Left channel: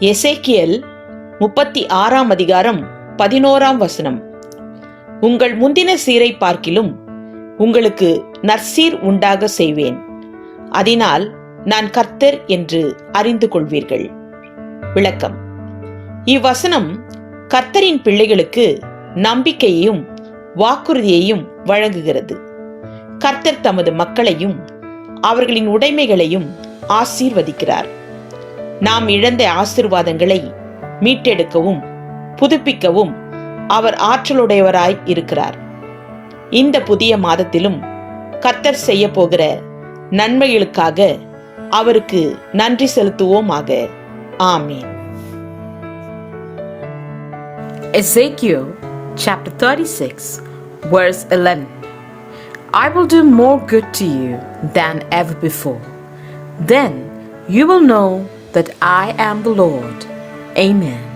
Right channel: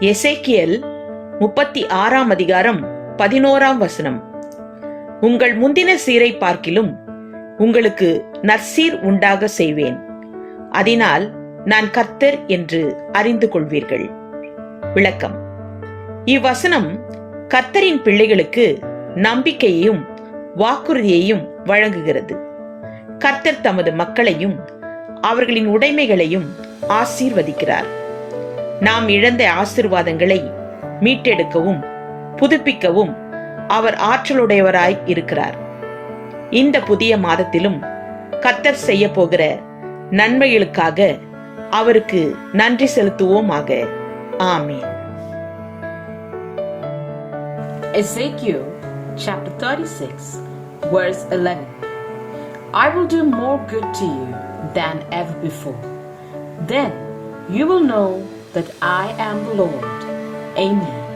எசேக்கியல் முப்பத்தி ஆறாம் அதிகாரம் பதினோராம் வசனம். உங்கள் முந்தின சீரை பார்க்கிலும் உங்களுக்கு நற்சீர் உண்டாக செய்வேன். அதனால் நான் கர்த்தர் என்று அறிந்து கொள்வீர்கள். விளக்கம். இவ்வசனம் கர்த்தரின் பிள்ளைகளுக்கு நம்பிக்கையையும் வாக்குறுதியையும் வழங்குகிறது. கர்த்தர் தமது மக்களையும் அவர்களின் உடைமைகளையும் ஆசீர்வதிக்கிறார். நாம் இழந்த ஆசிர்வாதங்களை மீட்டெடுக்கவும் புதுப்பிக்கவும் அவர் ஆற்றலுடையவராய் இருக்கிறார் இந்த புதிய மாதத்திலும் கத்தர் செய்ய போகிற நன்மைகளுக்காக அவருக்கு நன்றி செலுத்துவோமாக ஆமீன் Ezekiel chapter 36, verse 11. I will do more good to you than ever before. Then you will know that I am the Lord. Amen.